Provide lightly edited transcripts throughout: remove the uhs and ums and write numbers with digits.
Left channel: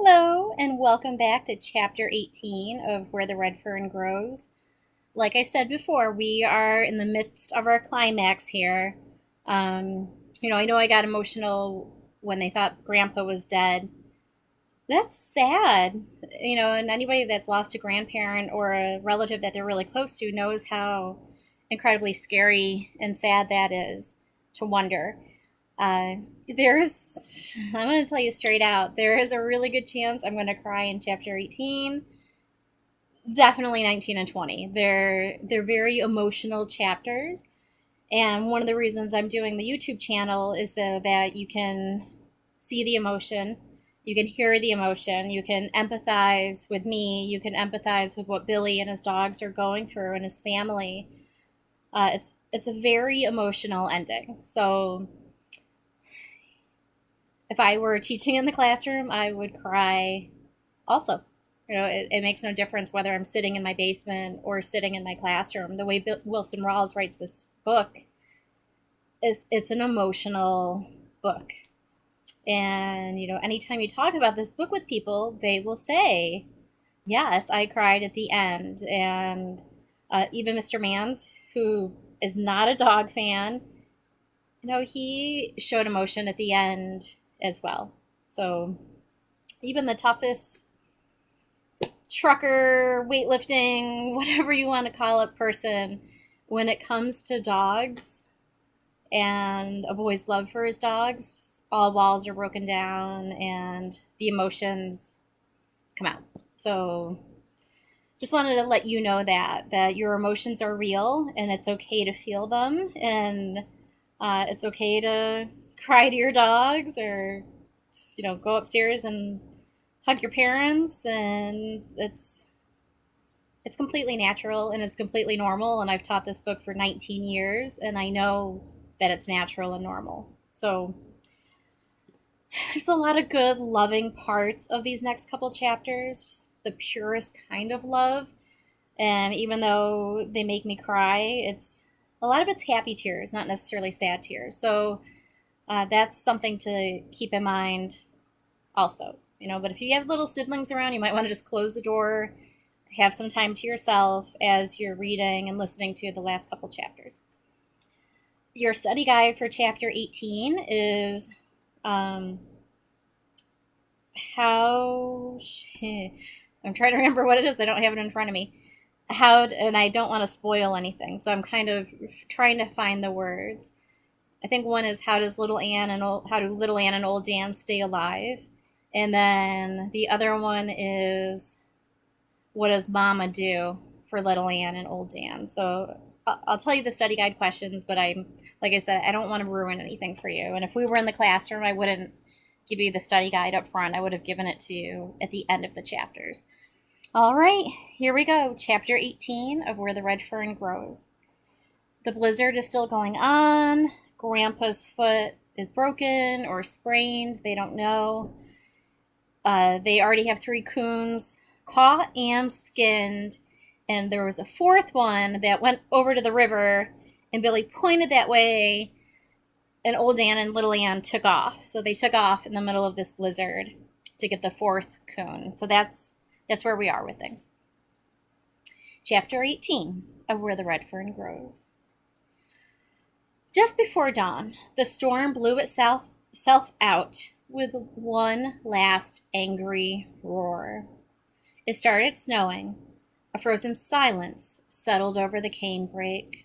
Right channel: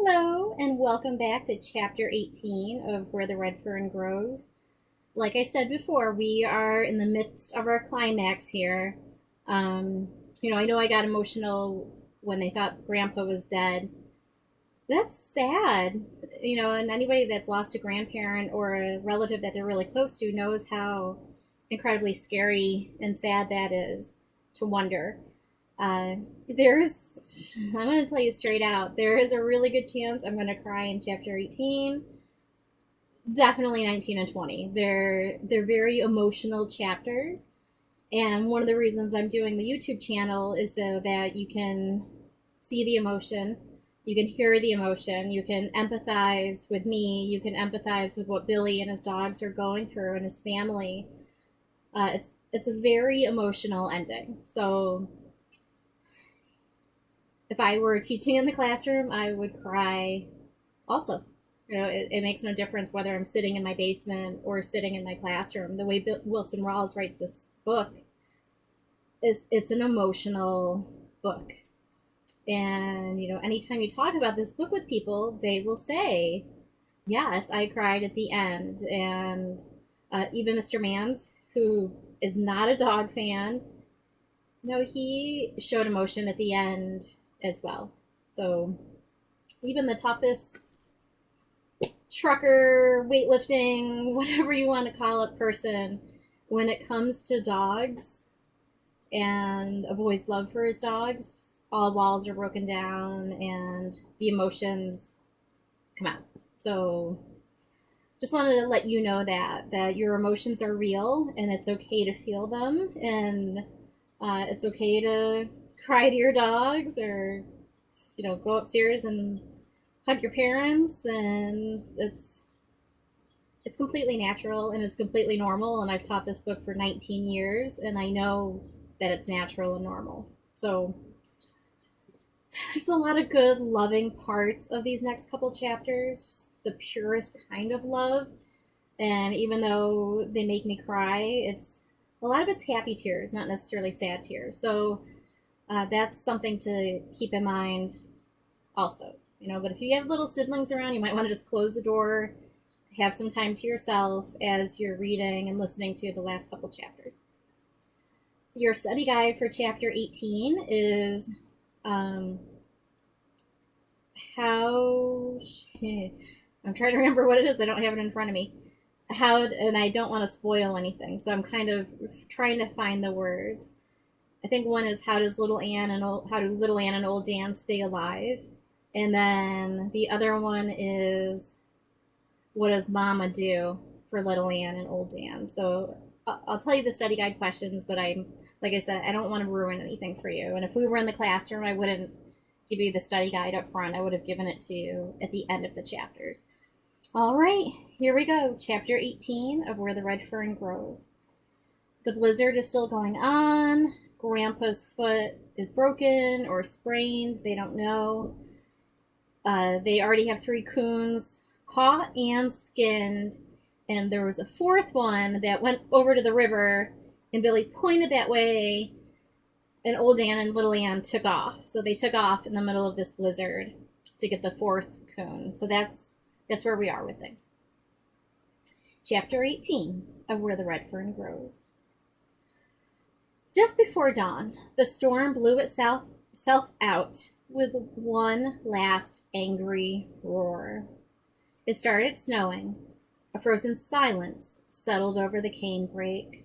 Hello, and welcome back to Chapter 18 of Where the Red Fern Grows. Like I said before, we are in the midst of our climax here. Um, I know I got emotional when they thought Grandpa was dead. That's sad, and anybody that's lost a grandparent or a relative that they're really close to knows how incredibly scary and sad that is to wonder. Uh, I'm going to tell you straight out, there is a really good chance I'm going to cry in chapter 18. Definitely 19 and 20. They're very emotional chapters. And one of the reasons I'm doing the YouTube channel is so that you can see the emotion, you can hear the emotion, you can empathize with me, you can empathize with what Billy and his dogs are going through and his family. It's a very emotional ending. So if I were teaching in the classroom, I would cry also. It makes no difference whether I'm sitting in my basement or sitting in my classroom. The way Wilson Rawls writes this book is it's an emotional book. And, anytime you talk about this book with people, they will say, yes, I cried at the end. And even Mr. Mans, who is not a dog fan, he showed emotion at the end as well. So even the toughest trucker, weightlifting, whatever you want to call it, person, when it comes to dogs and a boy's love for his dogs, all walls are broken down and the emotions come out. So just wanted to let you know that your emotions are real and it's okay to feel them, and it's okay to cry to your dogs, or go upstairs and hug your parents, and it's completely natural and it's completely normal. And I've taught this book for 19 years and I know that it's natural and normal. So there's a lot of good, loving parts of these next couple chapters, just the purest kind of love. And even though they make me cry, it's a lot of it's happy tears, not necessarily sad tears. So that's something to keep in mind also. But if you have little siblings around, you might want to just close the door, have some time to yourself as you're reading and listening to the last couple chapters. Your study guide for chapter 18 is how. I'm trying to remember what it is. I don't have it in front of me. And I don't want to spoil anything, so I'm kind of trying to find the words. I think one is how do little Ann and old Dan stay alive, and then the other one is what does Mama do for little Ann and old Dan. So I'll tell you the study guide questions, but like I said, I don't want to ruin anything for you. And if we were in the classroom, I wouldn't give you the study guide up front. I would have given it to you at the end of the chapters. All right, here we go. Chapter 18 of Where the Red Fern Grows. The blizzard is still going on. Grandpa's foot is broken or sprained. They don't know. They already have 3 coons caught and skinned. And there was a 4th one that went over to the river. And Billy pointed that way. And old Dan and little Ann took off. So they took off in the middle of this blizzard to get the 4th coon. So that's where we are with things. Chapter 18 of Where the Red Fern Grows. Just before dawn, the storm blew itself out with one last angry roar. It started snowing. A frozen silence settled over the canebrake.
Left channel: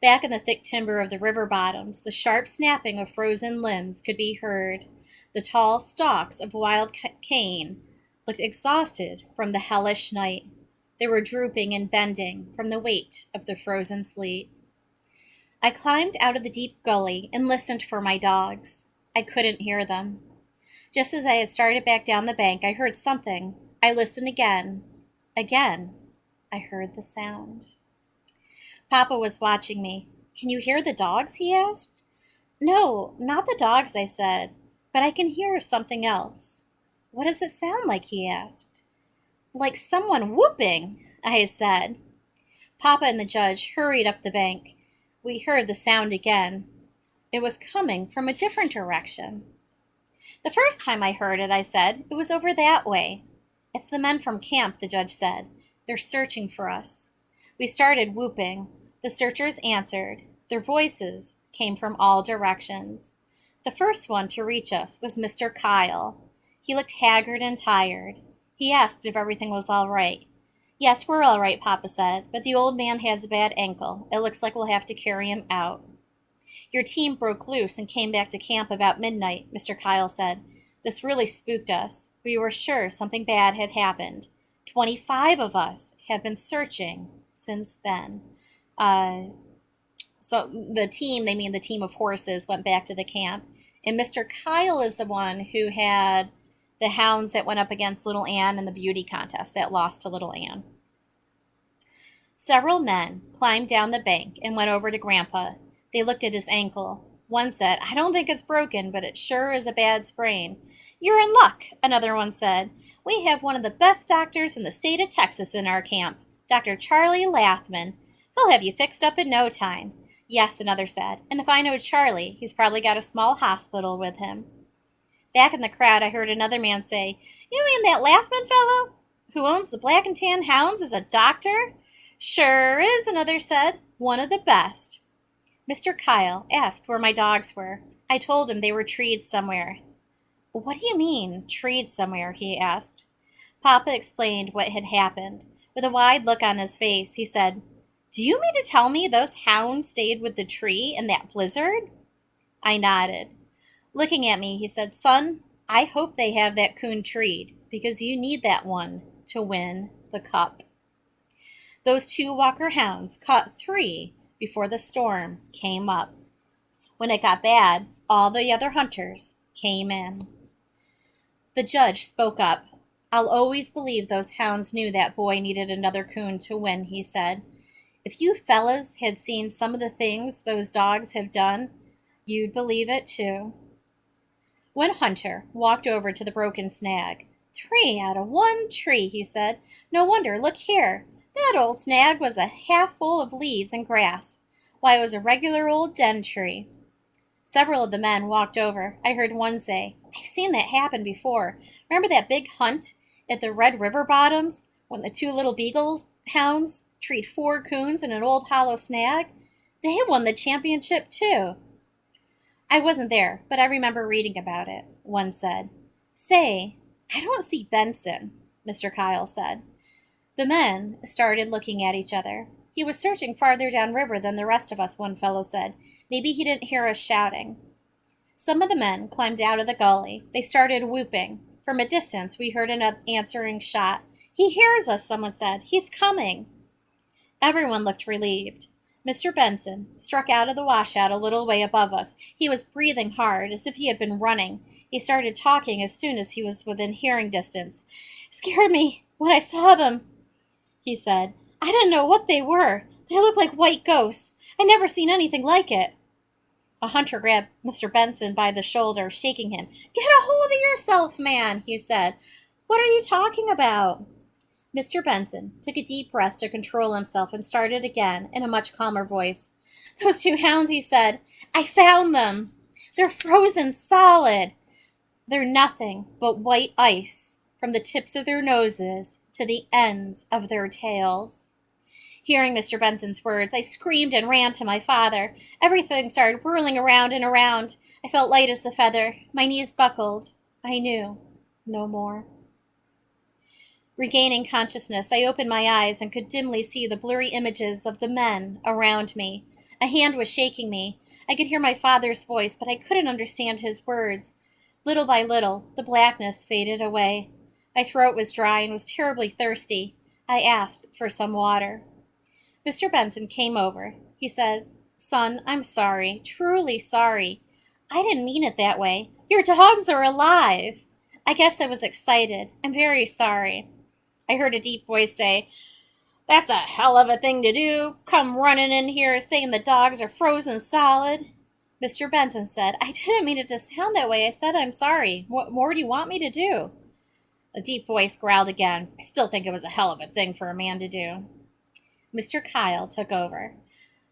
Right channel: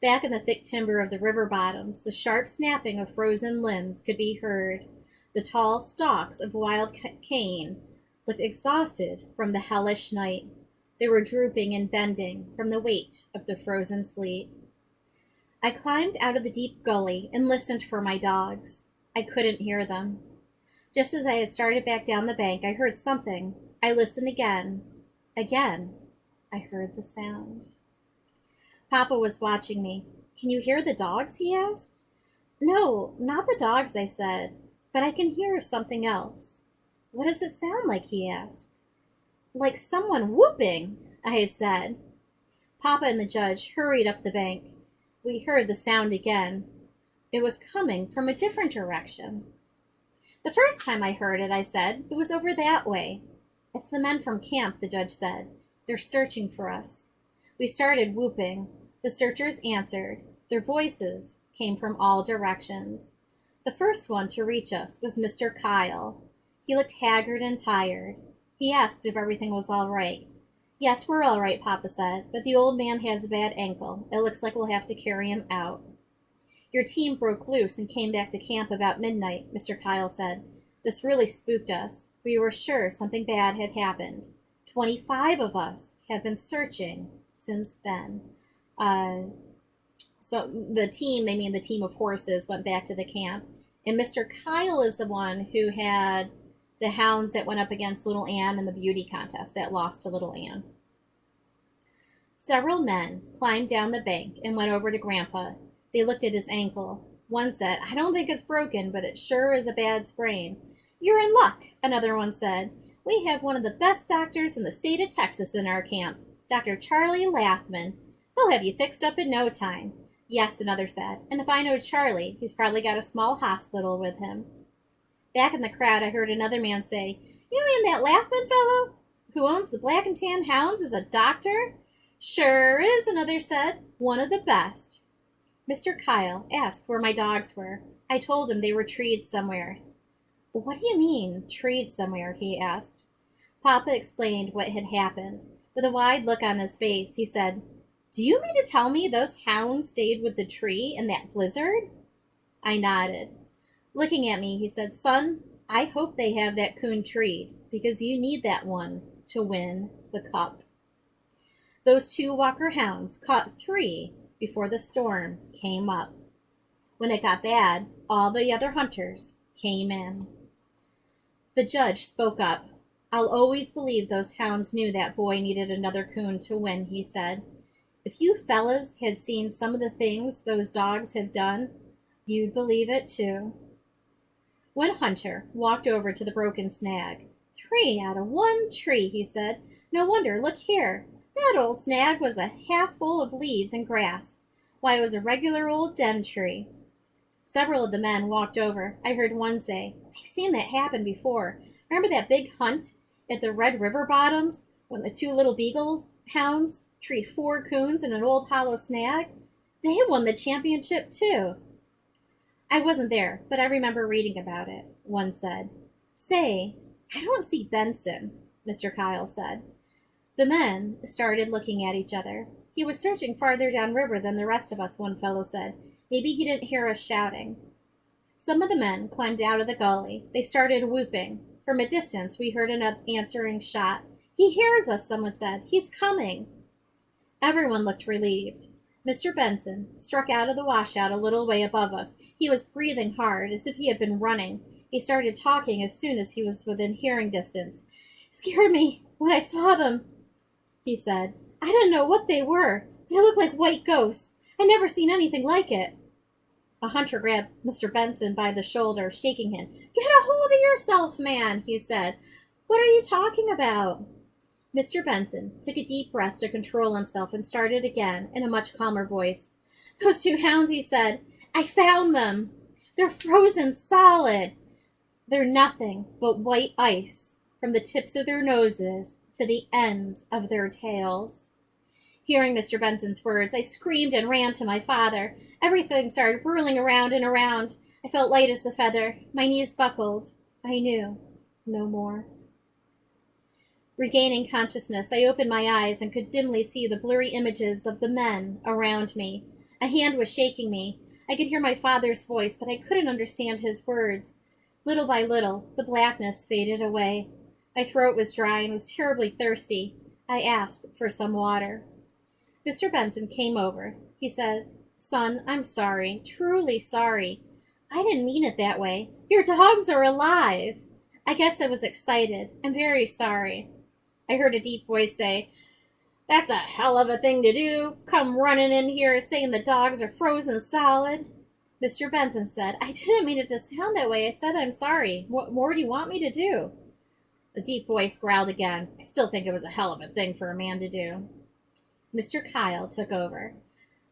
Back in the thick timber of the river bottoms, the sharp snapping of frozen limbs could be heard. The tall stalks of wild cane looked exhausted from the hellish night. They were drooping and bending from the weight of the frozen sleet. I climbed out of the deep gully and listened for my dogs. I couldn't hear them. Just as I had started back down the bank, I heard something. I listened again. Again, I heard the sound. Papa was watching me. Can you hear the dogs? He asked. No, not the dogs, I said, but I can hear something else. What does it sound like? He asked. Like someone whooping, I said. Papa and the judge hurried up the bank. We heard the sound again. It was coming from a different direction. The first time I heard it, I said, it was over that way. It's the men from camp, the judge said. They're searching for us. We started whooping. The searchers answered. Their voices came from all directions. The first one to reach us was Mr. Kyle. He looked haggard and tired. He asked if everything was all right. Yes, we're all right, Papa said, but the old man has a bad ankle. It looks like we'll have to carry him out. Your team broke loose and came back to camp about midnight, Mr. Kyle said. This really spooked us. We were sure something bad had happened. 25 of us have been searching since then. So the team, they mean the team of horses, went back to the camp. And Mr. Kyle is the one who had the hounds that went up against Little Ann in the beauty contest that lost to Little Ann. Several men climbed down the bank and went over to Grandpa. They looked at his ankle. One said, I don't think it's broken, but it sure is a bad sprain. You're in luck, another one said. We have one of the best doctors in the state of Texas in our camp, Dr. Charlie Lathman. He'll have you fixed up in no time. Yes, another said, and if I know Charlie, he's probably got a small hospital with him. Back in the crowd, I heard another man say, You mean that Lathman fellow who owns the Black and Tan Hounds is a doctor? Sure is, another said. One of the best. Mr. Kyle asked where my dogs were. I told him they were treed somewhere. What do you mean, treed somewhere? He asked. Papa explained what had happened. With a wide look on his face, he said, Do you mean to tell me those hounds stayed with the tree in that blizzard? I nodded. Looking at me, he said, Son, I hope they have that coon treed, because you need that one to win the cup. Those 2 Walker hounds caught 3 before the storm came up. When it got bad, all the other hunters came in. The judge spoke up. I'll always believe those hounds knew that boy needed another coon to win, he said. If you fellas had seen some of the things those dogs have done, you'd believe it too. One hunter walked over to the broken snag. 3 out of 1 tree, he said. No wonder, look here. That old snag was a half full of leaves and grass. Why, it was a regular old den tree. Several of the men walked over. I heard one say, I've seen that happen before. Remember that big hunt at the Red River bottoms when the 2 little beagles hounds treed 4 coons in an old hollow snag? They won the championship too. I wasn't there, but I remember reading about it, one said. Say, I don't see Benson, Mr. Kyle said. The men started looking at each other. He was searching farther downriver than the rest of us, one fellow said. Maybe he didn't hear us shouting. Some of the men climbed out of the gully. They started whooping. From a distance, we heard an answering shot. He hears us, someone said. He's coming. Everyone looked relieved. Mr. Benson struck out of the washout a little way above us. He was breathing hard, as if he had been running. He started talking as soon as he was within hearing distance. Scared me when I saw them, he said. I didn't know what they were. They looked like white ghosts. I never seen anything like it. A hunter grabbed Mr. Benson by the shoulder, shaking him. Get a hold of yourself, man, he said. What are you talking about? Mr. Benson took a deep breath to control himself and started again in a much calmer voice. Those 2 hounds, he said. I found them. They're frozen solid. They're nothing but white ice from the tips of their noses to the ends of their tails. Hearing Mr. Benson's words, I screamed and ran to my father. Everything started whirling around and around. I felt light as a feather. My knees buckled. I knew no more. Regaining consciousness, I opened my eyes and could dimly see the blurry images of the men around me. A hand was shaking me. I could hear my father's voice, but I couldn't understand his words. Little by little, the blackness faded away. My throat was dry and was terribly thirsty. I asked for some water. Mr. Benson came over. He said, Son, I'm sorry, truly sorry. I didn't mean it that way. Your dogs are alive. I guess I was excited. I'm very sorry. I heard a deep voice say, That's a hell of a thing to do. Come running in here saying the dogs are frozen solid. Mr. Benson said, I didn't mean it to sound that way. I said I'm sorry. What more do you want me to do? A deep voice growled again. I still think it was a hell of a thing for a man to do. Mr. Kyle took over.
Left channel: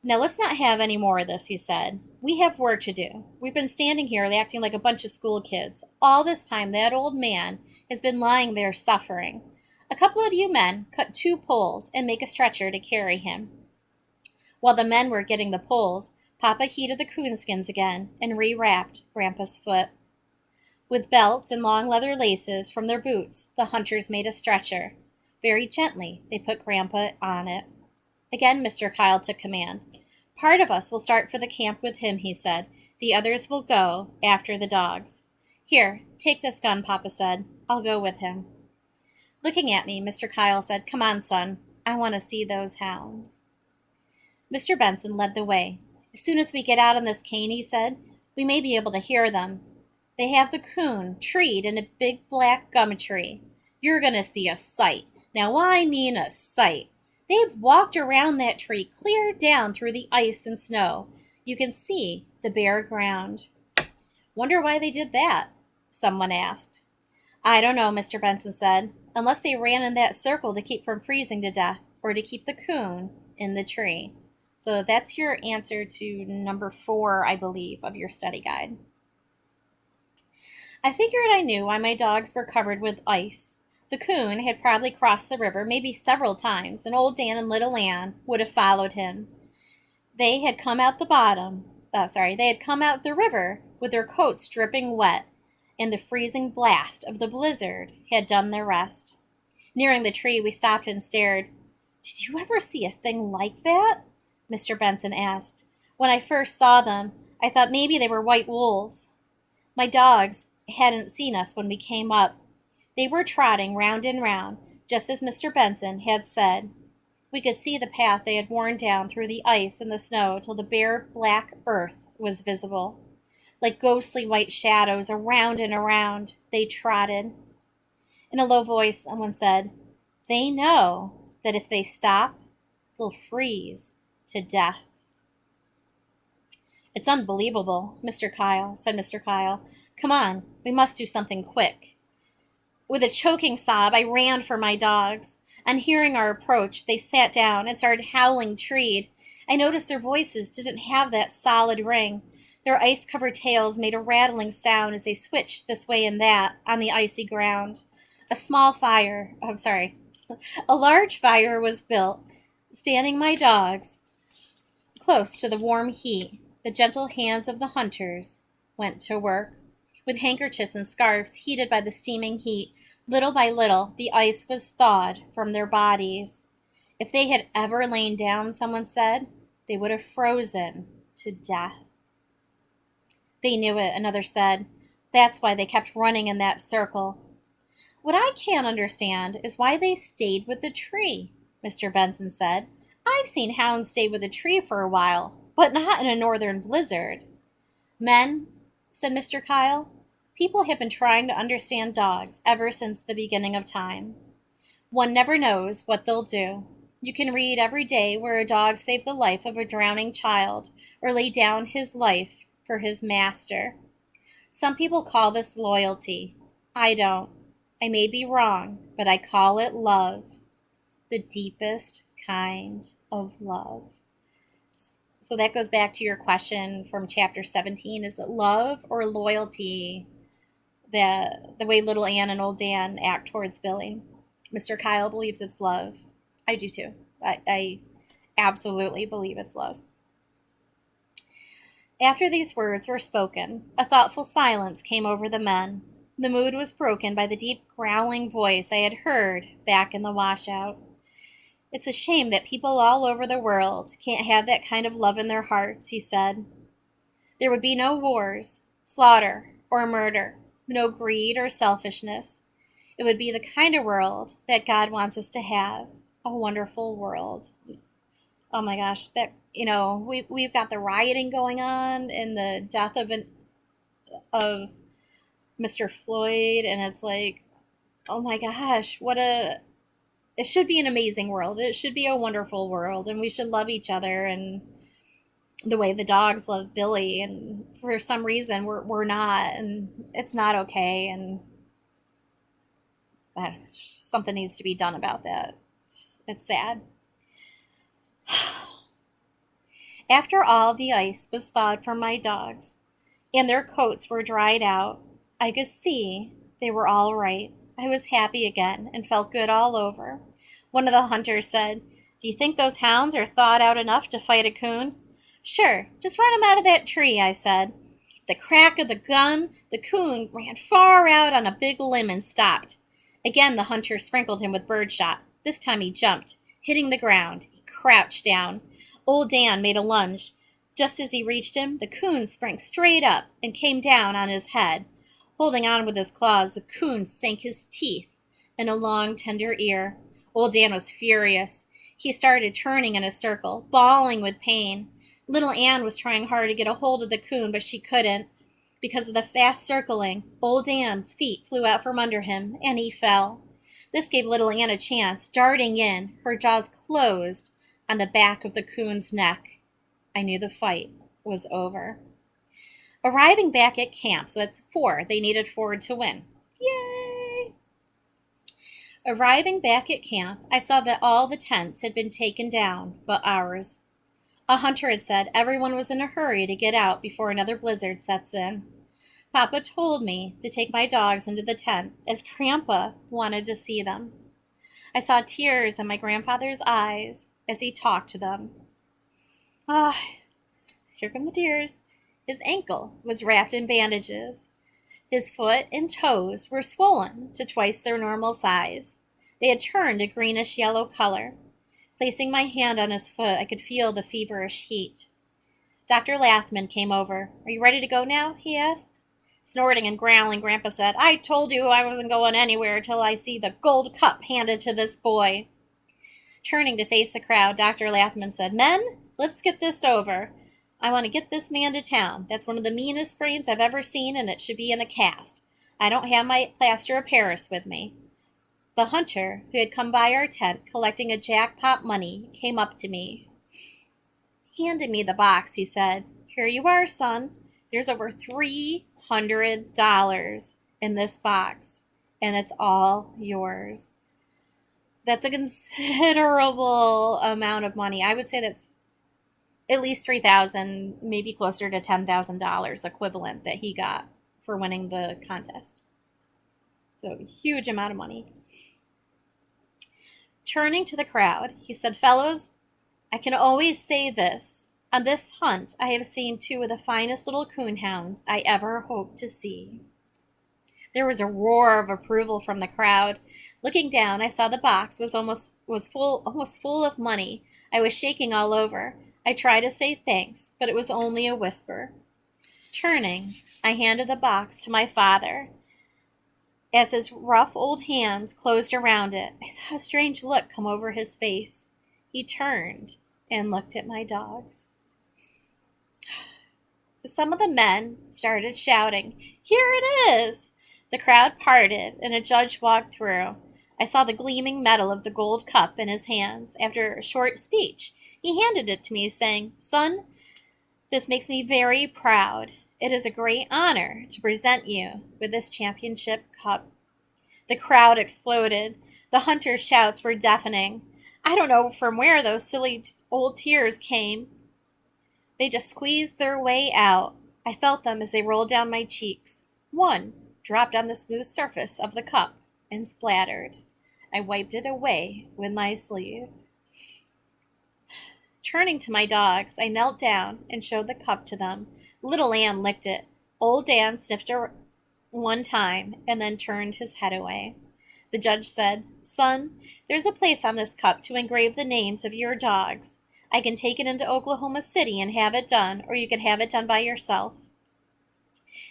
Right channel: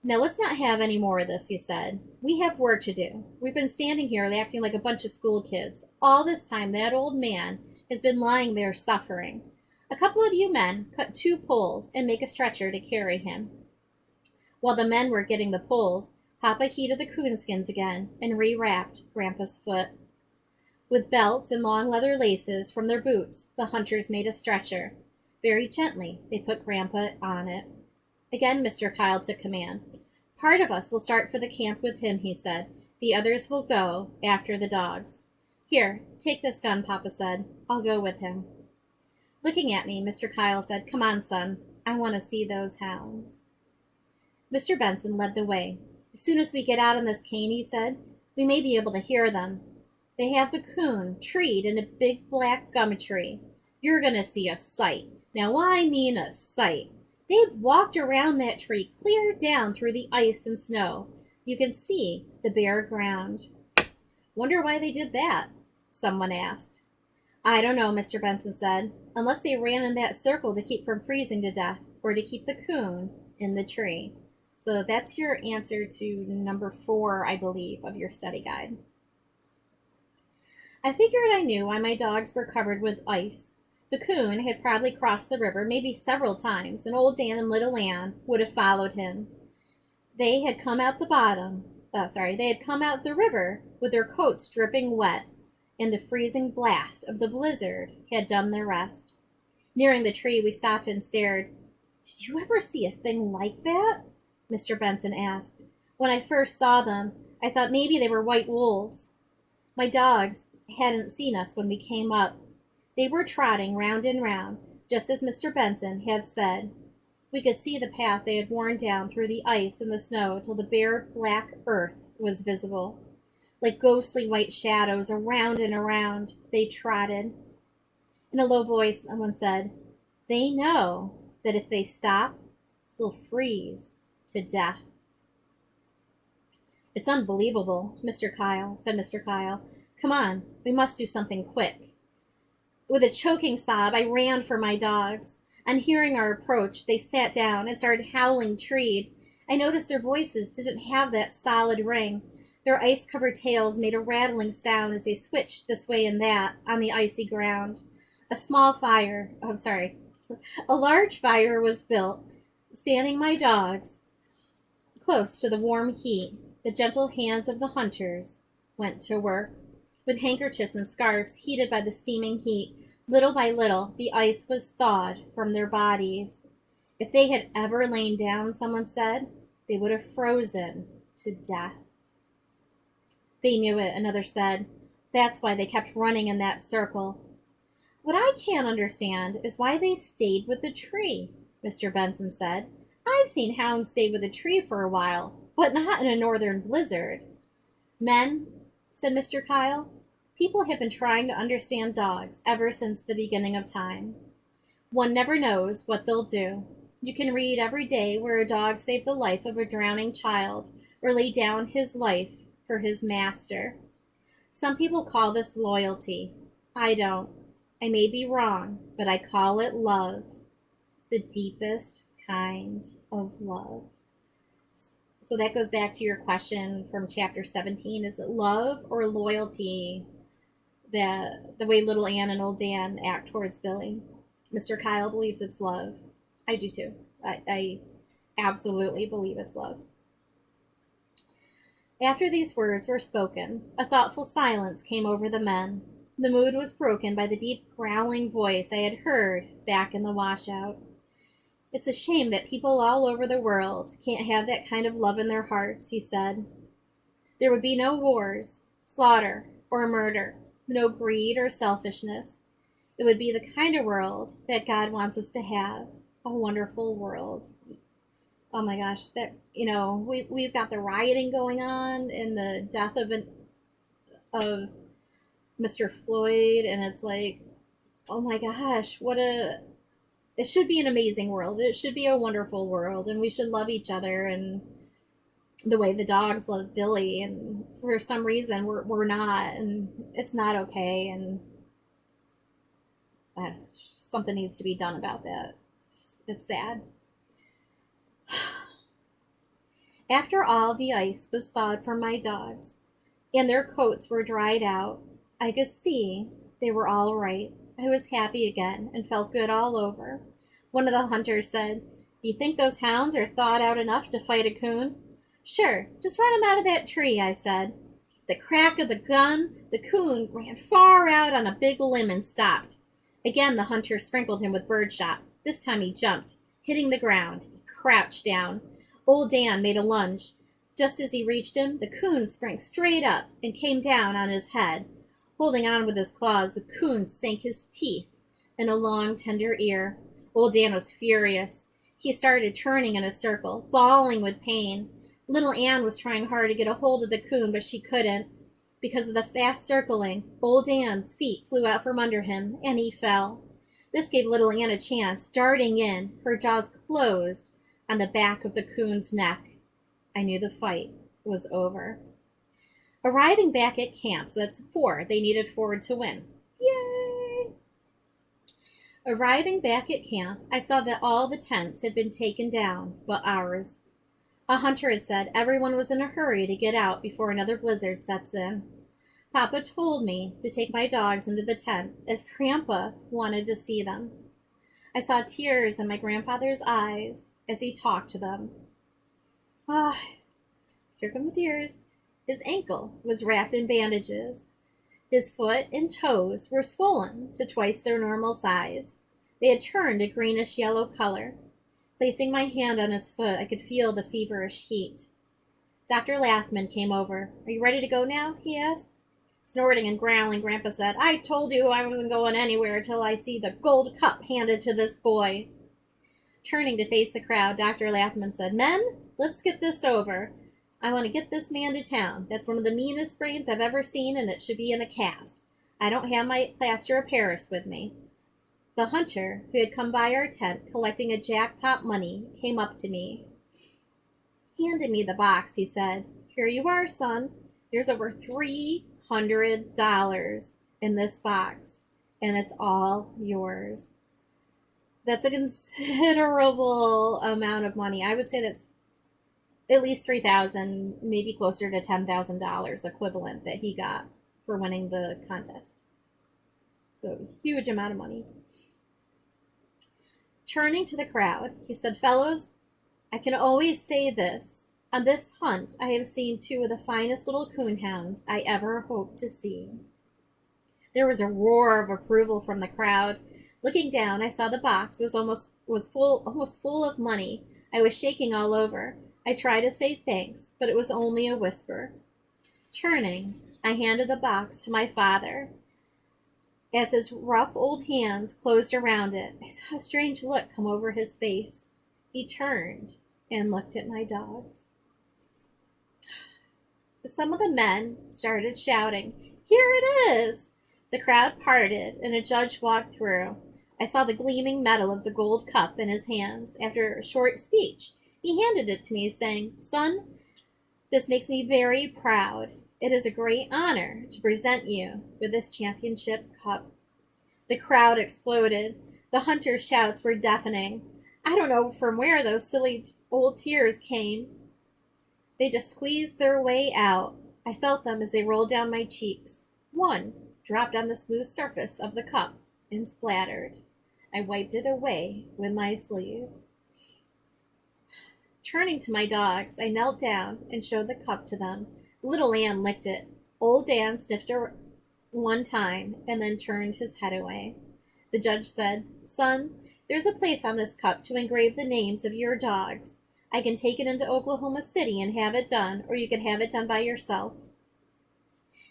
Now let's not have any more of this, he said. We have work to do. We've been standing here acting like a bunch of school kids. All this time, that old man has been lying there suffering. A couple of you men cut 2 poles and make a stretcher to carry him. While the men were getting the poles, Papa heated the coonskins again and rewrapped Grandpa's foot. With belts and long leather laces from their boots, the hunters made a stretcher. Very gently, they put Grandpa on it. Again, Mr. Kyle took command. Part of us will start for the camp with him, he said. The others will go after the dogs. Here, take this gun, Papa said. I'll go with him. Looking at me, Mr. Kyle said, Come on, son. I want to see those hounds. Mr. Benson led the way. As soon as we get out on this cane, he said, we may be able to hear them. They have the coon treed in a big black gum tree. You're going to see a sight. Now, I mean a sight. They've walked around that tree clear down through the ice and snow. You can see the bare ground. Wonder why they did that? Someone asked. I don't know, Mr. Benson said, unless they ran in that circle to keep from freezing to death or to keep the coon in the tree. So that's your answer to number 4, I believe, of your study guide. I figured I knew why my dogs were covered with ice. The coon had probably crossed the river maybe several times, and old Dan and little Ann would have followed him. They had come out the river with their coats dripping wet, and the freezing blast of the blizzard had done their rest. Nearing the tree, we stopped and stared. Did you ever see a thing like that? Mr. Benson asked. When I first saw them, I thought maybe they were white wolves. My dogs hadn't seen us when we came up. They were trotting round and round, just as Mr. Benson had said. We could see the path they had worn down through the ice and the snow till the bare black earth was visible. Like ghostly white shadows, around and around, they trotted. In a low voice, someone said, They know that if they stop, they'll freeze to death. It's unbelievable, said Mr. Kyle. Come on, we must do something quick. With a choking sob, I ran for my dogs. On hearing our approach, they sat down and started howling treed. I noticed their voices didn't have that solid ring. Their ice-covered tails made a rattling sound as they switched this way and that on the icy ground. A large fire was built, standing my dogs close to the warm heat. The gentle hands of the hunters went to work. With handkerchiefs and scarves heated by the steaming heat, little by little, the ice was thawed from their bodies. If they had ever lain down, someone said, they would have frozen to death. They knew it, another said. That's why they kept running in that circle. What I can't understand is why they stayed with the tree, Mr. Benson said. I've seen hounds stay with a tree for a while, but not in a northern blizzard. Men, said Mr. Kyle, people have been trying to understand dogs ever since the beginning of time. One never knows what they'll do. You can read every day where a dog saved the life of a drowning child or laid down his life for his master. Some people call this loyalty. I don't. I may be wrong, but I call it love. The deepest kind of love. So that goes back to your question from chapter 17. Is it love or loyalty? The way little Ann and old Dan act towards Billy. Mr. Kyle believes it's love. I do too. I absolutely believe it's love. After these words were spoken, a thoughtful silence came over the men. The mood was broken by the deep growling voice I had heard back in the washout. It's a shame that people all over the world can't have that kind of love in their hearts, he said. There would be no wars, slaughter, or murder, no greed or selfishness. It would be the kind of world that God wants us to have, a wonderful world. Oh my gosh, we've got the rioting going on and the death of Mr. Floyd, and it's like, oh my gosh, it should be an amazing world. It should be a wonderful world, and we should love each other, and the way the dogs love Billy, and for some reason we're not, and it's not okay, and something needs to be done about that. It's sad. After all the ice was thawed from my dogs, and their coats were dried out, I could see they were all right. I was happy again and felt good all over. One of the hunters said, "Do you think those hounds are thawed out enough to fight a coon?" "Sure, just run 'em out of that tree," I said. The crack of the gun, the coon ran far out on a big limb and stopped. Again the hunter sprinkled him with birdshot. This time he jumped, hitting the ground. He crouched down. Old Dan made a lunge. Just as he reached him, the coon sprang straight up and came down on his head. Holding on with his claws, the coon sank his teeth in a long, tender ear. Old Dan was furious. He started turning in a circle, bawling with pain. Little Ann was trying hard to get a hold of the coon, but she couldn't. Because of the fast circling, Old Dan's feet flew out from under him, and he fell. This gave Little Ann a chance, darting in, her jaws closed on the back of the coon's neck. I knew the fight was over. Arriving back at camp, so that's 4. They needed 4 to win. Yay! Arriving back at camp, I saw that all the tents had been taken down, but ours. A hunter had said everyone was in a hurry to get out before another blizzard sets in. Papa told me to take my dogs into the tent as Grandpa wanted to see them. I saw tears in my grandfather's eyes as he talked to them. Ah, here come the tears. His ankle was wrapped in bandages. His foot and toes were swollen to twice their normal size. They had turned a greenish-yellow color. Placing my hand on his foot, I could feel the feverish heat. Dr. Lathman came over. "Are you ready to go now?" he asked. Snorting and growling, Grandpa said, "I told you I wasn't going anywhere till I see the gold cup handed to this boy." Turning to face the crowd, Dr. Lathman said, "Men, let's get this over. I want to get this man to town. That's one of the meanest sprains I've ever seen, and it should be in a cast. I don't have my plaster of Paris with me." The hunter, who had come by our tent collecting a jackpot money, came up to me. Handed me the box, he said, "Here you are, son. There's over $300 in this box, and it's all yours." That's a considerable amount of money. I would say that's at least $3,000, maybe closer to $10,000 equivalent that he got for winning the contest. So, huge amount of money. Turning to the crowd, he said, "Fellows, I can always say this. On this hunt, I have seen 2 of the finest little coonhounds I ever hoped to see." There was a roar of approval from the crowd. Looking down, I saw the box was almost full of money. I was shaking all over. I tried to say thanks, but it was only a whisper. Turning, I handed the box to my father. As his rough old hands closed around it, I saw a strange look come over his face. He turned and looked at my dogs. Some of the men started shouting, "Here it is!" The crowd parted, and a judge walked through. I saw the gleaming metal of the gold cup in his hands. After a short speech, he handed it to me, saying, "Son, this makes me very proud. It is a great honor to present you with this championship cup." The crowd exploded. The hunters' shouts were deafening. I don't know from where those silly old tears came. They just squeezed their way out. I felt them as they rolled down my cheeks. One dropped on the smooth surface of the cup and splattered. I wiped it away with my sleeve. Turning to my dogs, I knelt down and showed the cup to them. Little Ann licked it. Old Dan sniffed her one time and then turned his head away. The judge said, "Son, there's a place on this cup to engrave the names of your dogs. I can take it into Oklahoma City and have it done, or you can have it done by yourself.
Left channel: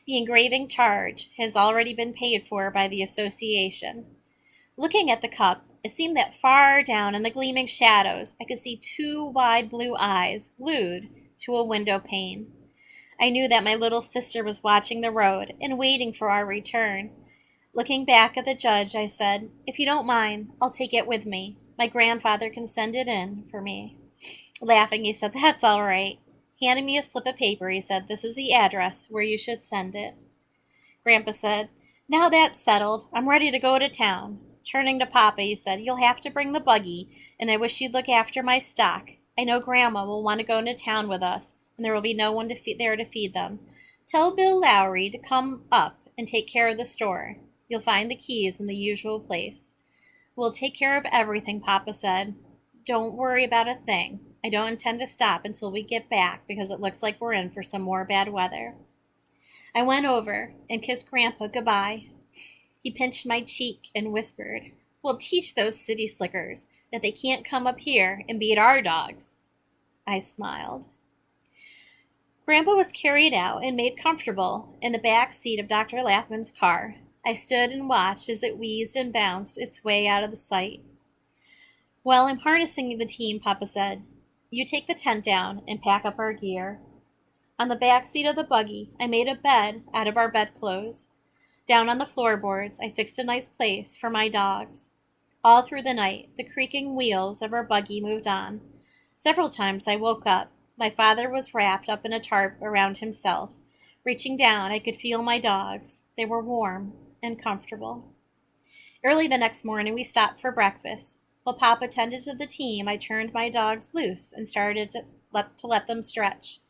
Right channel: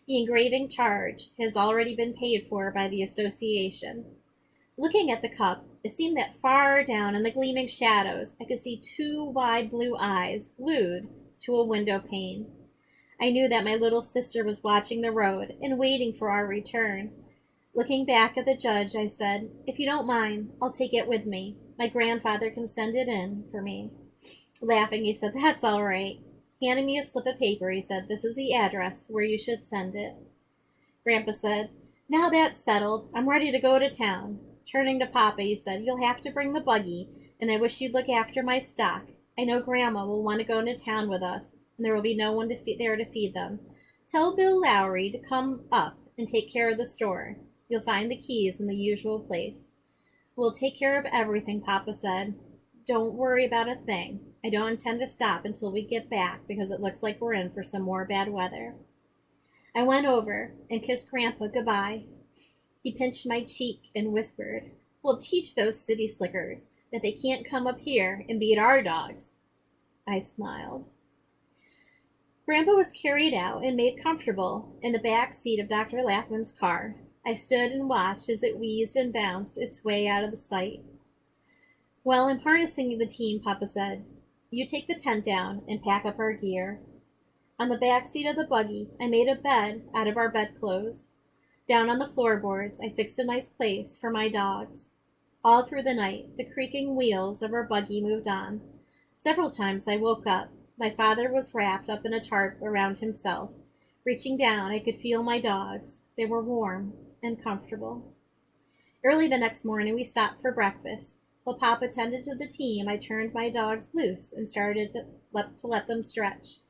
The engraving charge has already been paid for by the association." Looking at the cup, it seemed that far down in the gleaming shadows, I could see 2 wide blue eyes glued to a window pane. I knew that my little sister was watching the road and waiting for our return. Looking back at the judge, I said, "If you don't mind, I'll take it with me. My grandfather can send it in for me." Laughing, he said, "That's all right." Handing me a slip of paper, he said, "This is the address where you should send it." Grandpa said, "Now that's settled, I'm ready to go to town." Turning to Papa, he said, "You'll have to bring the buggy, and I wish you'd look after my stock. I know Grandma will want to go into town with us, and there will be no one there to feed them. Tell Bill Lowry to come up and take care of the store. You'll find the keys in the usual place. We'll take care of everything, Papa said. Don't worry about a thing. I don't intend to stop until we get back because it looks like we're in for some more bad weather. I went over and kissed Grandpa goodbye. He pinched my cheek and whispered, We'll teach those city slickers that they can't come up here and beat our dogs. I smiled. Grandpa was carried out and made comfortable in the back seat of Dr. Lathman's car. I stood and watched as it wheezed and bounced its way out of the sight. Well, I'm harnessing the team, Papa said. You take the tent down and pack up our gear. On the back seat of the buggy, I made a bed out of our bedclothes. Down on the floorboards, I fixed a nice place for my dogs. All through the night, the creaking wheels of our buggy moved on. Several times I woke up. My father was wrapped up in a tarp around himself. Reaching down, I could feel my dogs. They were warm and comfortable. Early the next morning, we stopped for breakfast. While Papa tended to the team, I turned my dogs loose and started to let them stretch.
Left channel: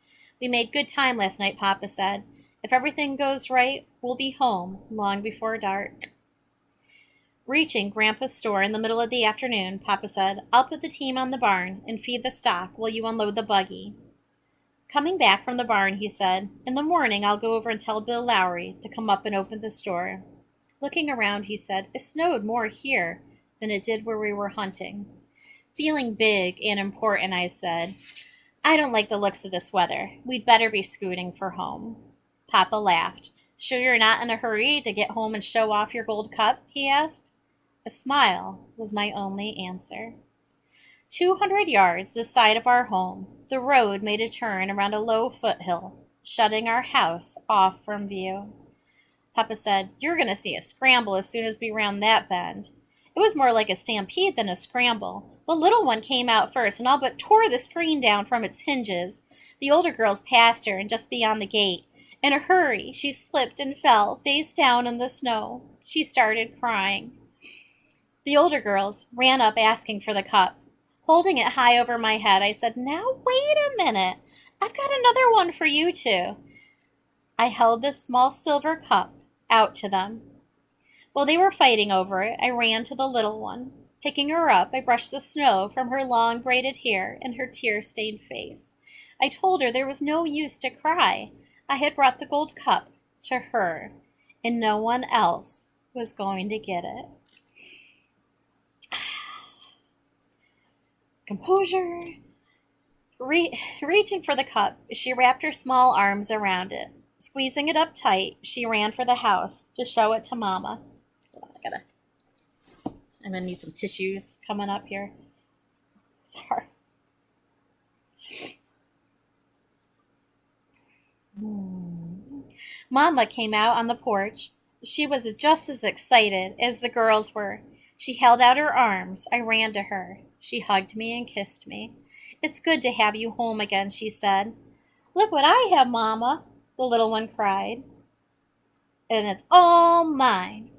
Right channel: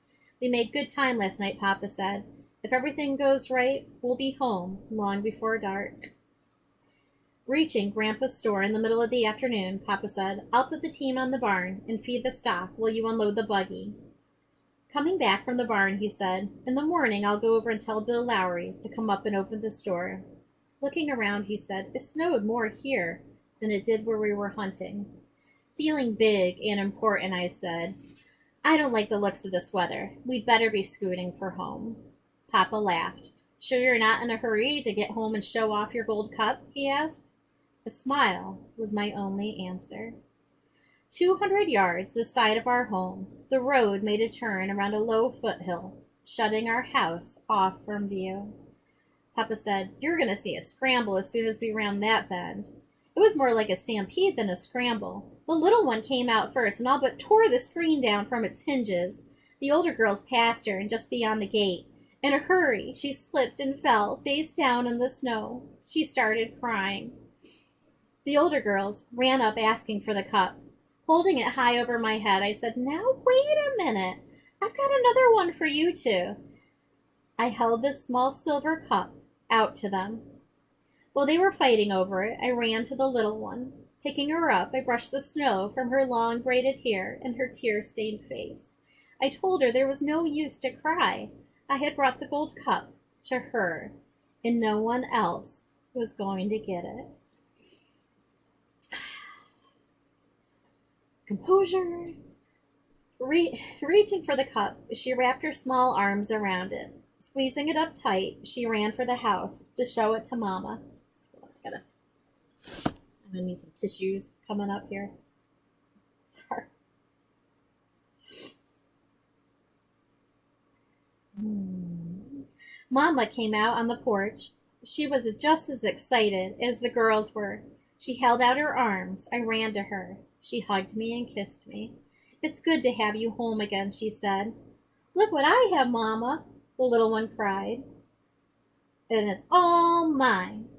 We made good time last night, Papa said. If everything goes right, we'll be home long before dark. Reaching Grandpa's store in the middle of the afternoon, Papa said, I'll put the team on the barn and feed the stock while you unload the buggy. Coming back from the barn, he said, In the morning I'll go over and tell Bill Lowry to come up and open the store. Looking around, he said, It snowed more here than it did where we were hunting. Feeling big and important, I said, I don't like the looks of this weather. We'd better be scooting for home. Papa laughed. Sure you're not in a hurry to get home and show off your gold cup? He asked. A smile was my only answer. 200 yards this side of our home, the road made a turn around a low foothill, shutting our house off from view. Papa said, You're going to see a scramble as soon as we round that bend. It was more like a stampede than a scramble. The little one came out first and all but tore the screen down from its hinges. The older girls passed her and just beyond the gate. In a hurry, she slipped and fell face down in the snow. She started crying. The older girls ran up asking for the cup. Holding it high over my head, I said, Now wait a minute. I've got another one for you two. I held the small silver cup out to them. While they were fighting over it, I ran to the little one. Picking her up, I brushed the snow from her long braided hair and her tear-stained face. I told her there was no use to cry. I had brought the gold cup to her, and no one else was going to get it. Composure. Reaching for the cup, she wrapped her small arms around it. Squeezing it up tight, she ran for the house to show it to Mama. I'm gonna need some tissues coming up here. Sorry. Mama came out on the porch. She was just as excited as the girls were. She held out her arms. I ran to her. She hugged me and kissed me. It's good to have you home again, she said. Look what I have, Mama, the little one cried. And it's all mine.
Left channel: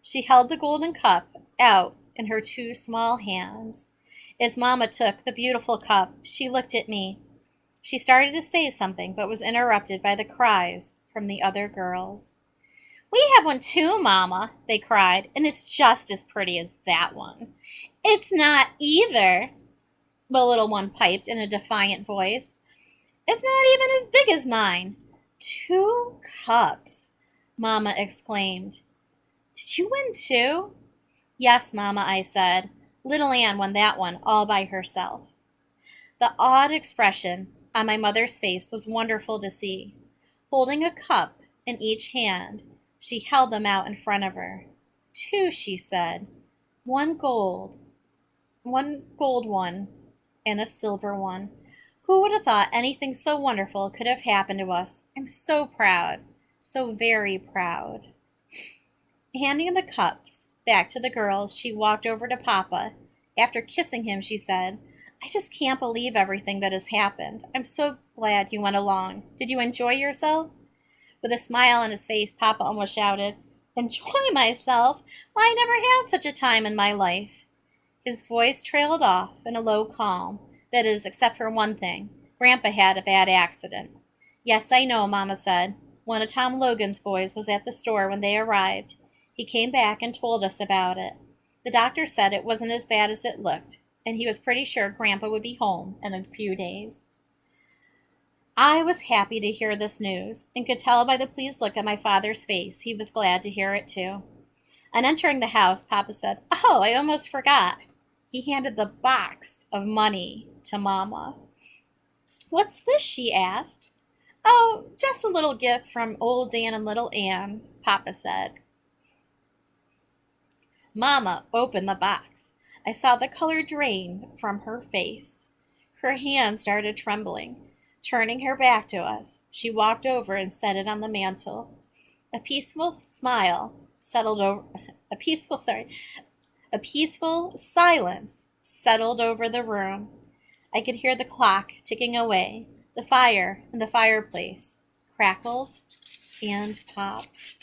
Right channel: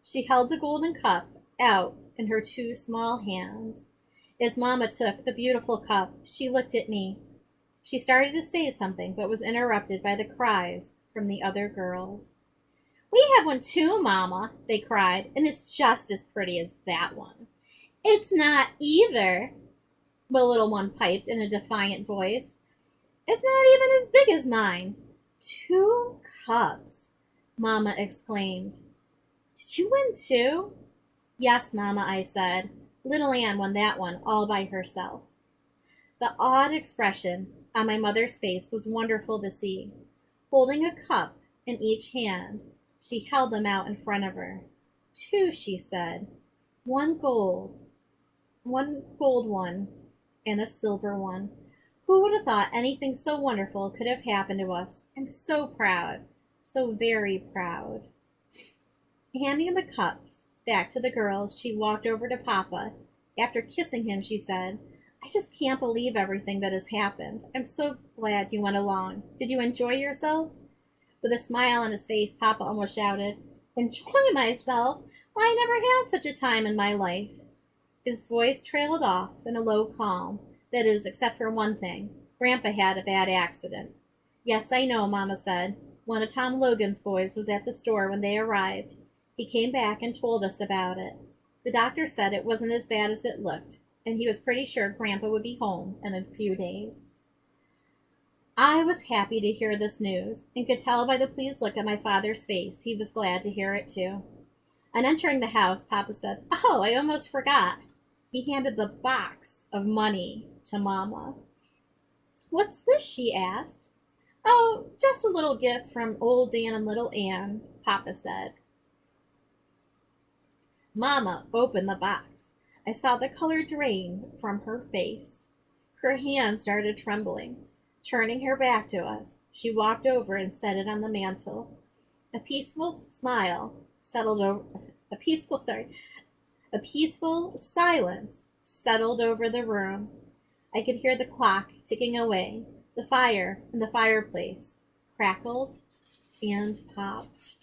She held the golden cup out in her two small hands. As Mama took the beautiful cup, she looked at me. She started to say something, but was interrupted by the cries from the other girls. We have one too, Mama, they cried, and it's just as pretty as that one. It's not either, the little one piped in a defiant voice. It's not even as big as mine. 2 cups, Mama exclaimed. Did you win too? Yes, Mama, I said. Little Ann won that one all by herself. The awed expression on my mother's face was wonderful to see. Holding a cup in each hand, she held them out in front of her. 2, she said. One gold one, and a silver one. Who would have thought anything so wonderful could have happened to us? I'm so proud, so very proud. Handing the cups back to the girls, she walked over to Papa. After kissing him, she said, I just can't believe everything that has happened. I'm so glad you went along. Did you enjoy yourself? With a smile on his face, Papa almost shouted, Enjoy myself? Why, I never had such a time in my life. His voice trailed off in a low calm. That is, except for one thing. Grandpa had a bad accident. Yes, I know, Mama said. One of Tom Logan's boys was at the store when they arrived. He came back and told us about it. The doctor said it wasn't as bad as it looked, and he was pretty sure Grandpa would be home in a few days. I was happy to hear this news, and could tell by the pleased look on my father's face he was glad to hear it too. On entering the house, Papa said, "Oh, I almost forgot." He handed the box of money to Mama. "What's this?" she asked. "Oh, just a little gift from old Dan and little Ann," Papa said. Mama opened the box. I saw the color drain from her face. Her hand started trembling. Turning her back to us, she walked over and set it on the mantel. A peaceful smile settled over a peaceful silence settled over the room. I could hear the clock ticking away. The fire in the fireplace crackled and popped.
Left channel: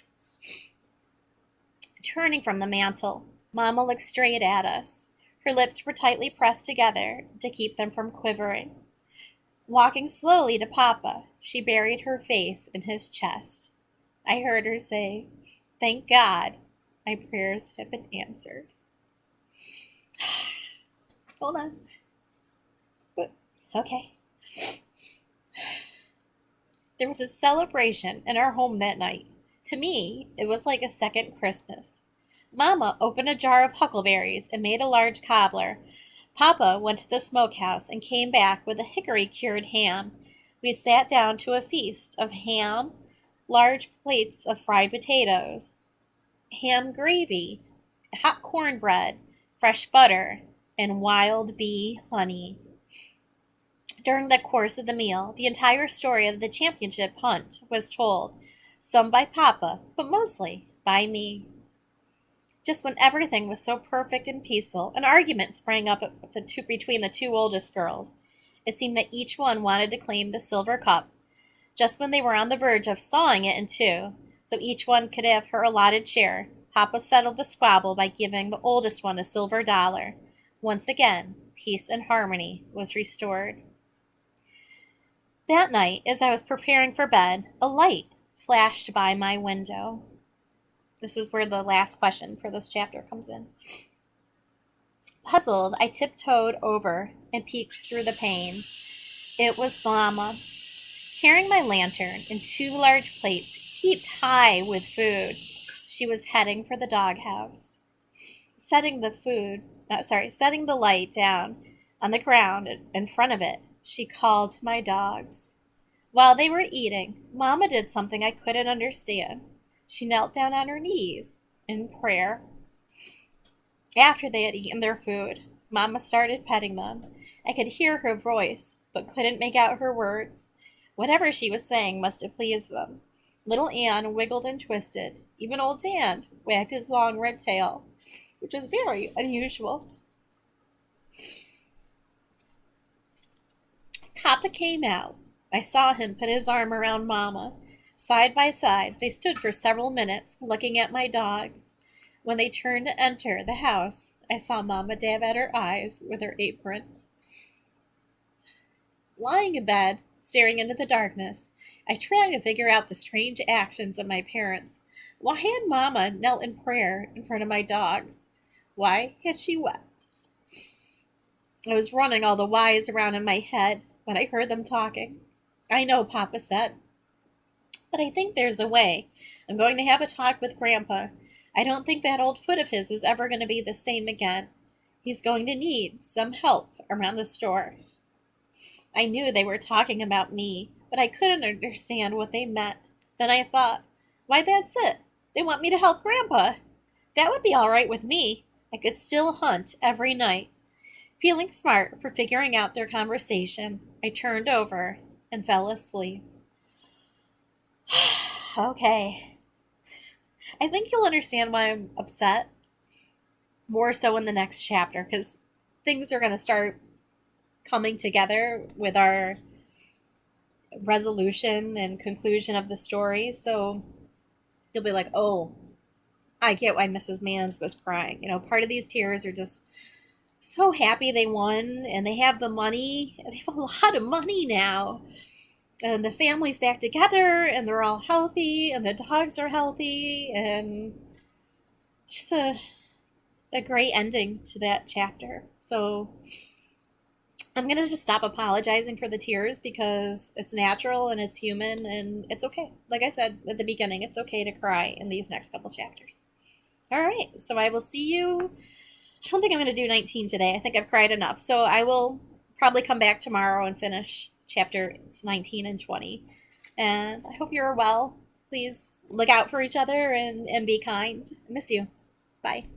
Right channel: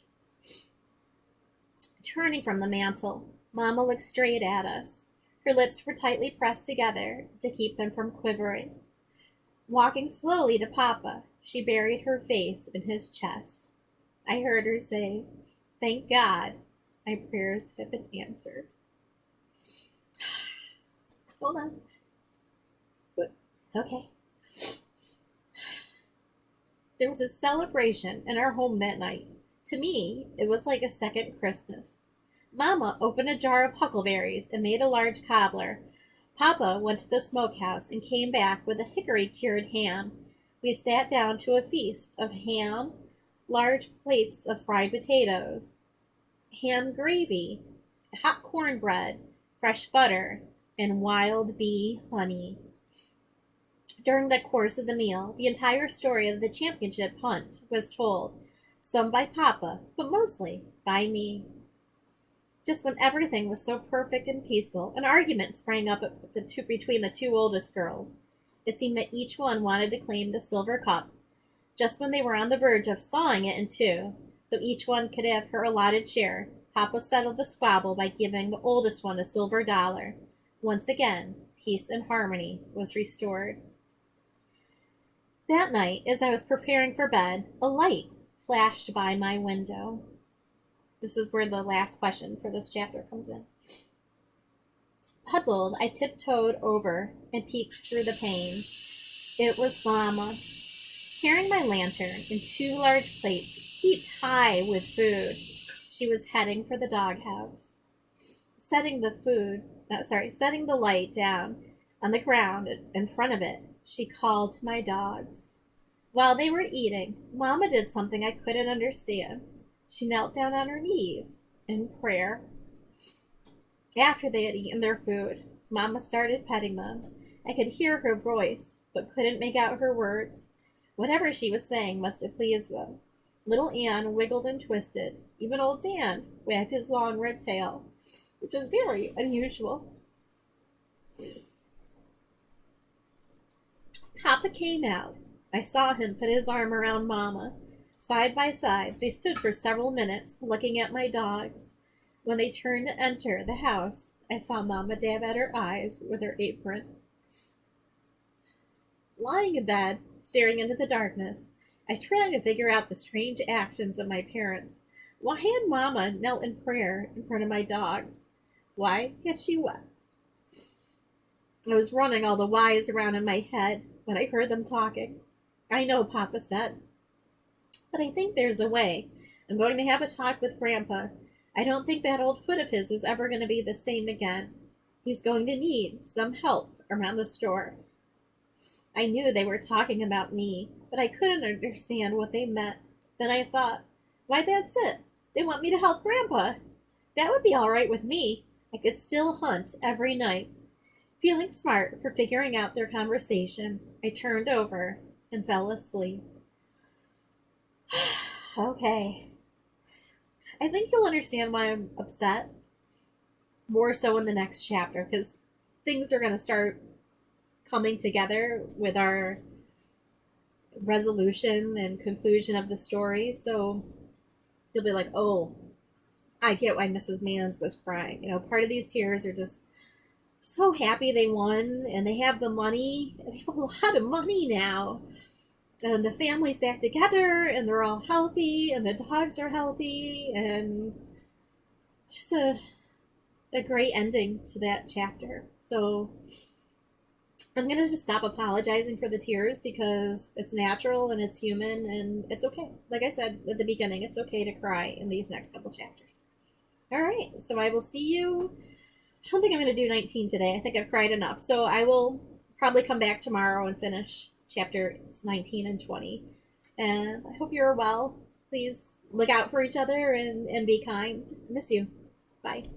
Turning from the mantel, Mama looked straight at us. Her lips were tightly pressed together to keep them from quivering. Walking slowly to Papa, she buried her face in his chest. I heard her say, "Thank God, my prayers have been answered." Hold on. Okay. There was a celebration in our home that night. To me, it was like a second Christmas. Mama opened a jar of huckleberries and made a large cobbler. Papa went to the smokehouse and came back with a hickory-cured ham. We sat down to a feast of ham, large plates of fried potatoes, ham gravy, hot cornbread, fresh butter, and wild bee honey. During the course of the meal, the entire story of the championship hunt was told, some by Papa, but mostly by me. Just when everything was so perfect and peaceful, an argument sprang up between the two oldest girls. It seemed that each one wanted to claim the silver cup. Just when they were on the verge of sawing it in two, so each one could have her allotted share, Papa settled the squabble by giving the oldest one a silver dollar. Once again, peace and harmony was restored. That night, as I was preparing for bed, a light flashed by my window. This is where the last question for this chapter comes in. Puzzled, I tiptoed over and peeked through the pane. It was Mama, carrying my lantern and two large plates heaped high with food. She was heading for the doghouse. Setting the light down on the ground in front of it, she called to my dogs. While they were eating, Mama did something I couldn't understand. She knelt down on her knees in prayer. After they had eaten their food, Mama started petting them. I could hear her voice, but couldn't make out her words. Whatever she was saying must have pleased them. Little Ann wiggled and twisted. Even old Dan wagged his long red tail, which was very unusual. Papa came out. I saw him put his arm around Mama. Side by side, they stood for several minutes, looking at my dogs. When they turned to enter the house, I saw Mama dab at her eyes with her apron. Lying in bed, staring into the darkness, I tried to figure out the strange actions of my parents. Why had Mama knelt in prayer in front of my dogs? Why had she wept? I was running all the whys around in my head when I heard them talking. "I know," Papa said, "but I think there's a way. I'm going to have a talk with Grandpa. I don't think that old foot of his is ever going to be the same again. He's going to need some help around the store." I knew they were talking about me, but I couldn't understand what they meant. Then I thought, why, that's it. They want me to help Grandpa. That would be all right with me. I could still hunt every night. Feeling smart for figuring out their conversation, I turned over and fell asleep. Okay. I think you'll understand why I'm upset. More so in the next chapter, because things are going to start coming together with our resolution and conclusion of the story. So you'll be like, oh, I get why Mrs. Mans was crying. Part of these tears are just so happy they won and they have the money. They have a lot of money now. And the family's back together and they're all healthy and the dogs are healthy and it's just a great ending to that chapter. So I'm gonna just stop apologizing for the tears because it's natural and it's human and it's okay. Like I said at the beginning, it's okay to cry in these next couple chapters. All right, so I will see you. I don't think I'm going to do 19 today. I think I've cried enough. So I will probably come back tomorrow and finish chapters 19 and 20. And I hope you're well. Please look out for each other and be kind. Miss you. Bye.